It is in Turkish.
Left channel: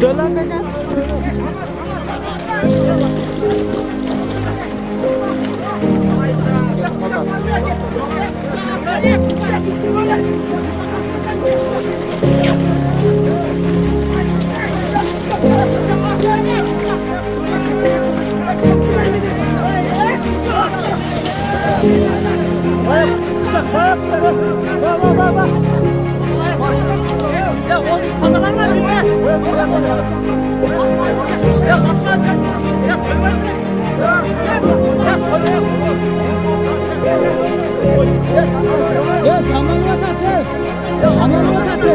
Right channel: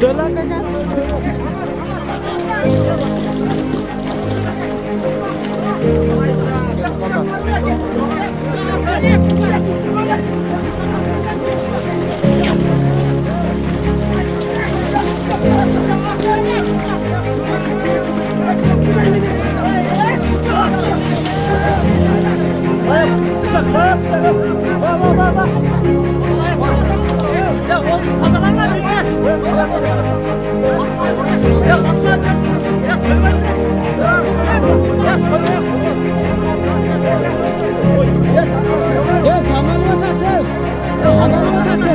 Dolar kadar. Ya oğlum kazananlar mı? Ya basma atacaksın. Ya söylemeyin mi? Ya söylemeyin. Ya tamam vatatı. Tamam vatatı.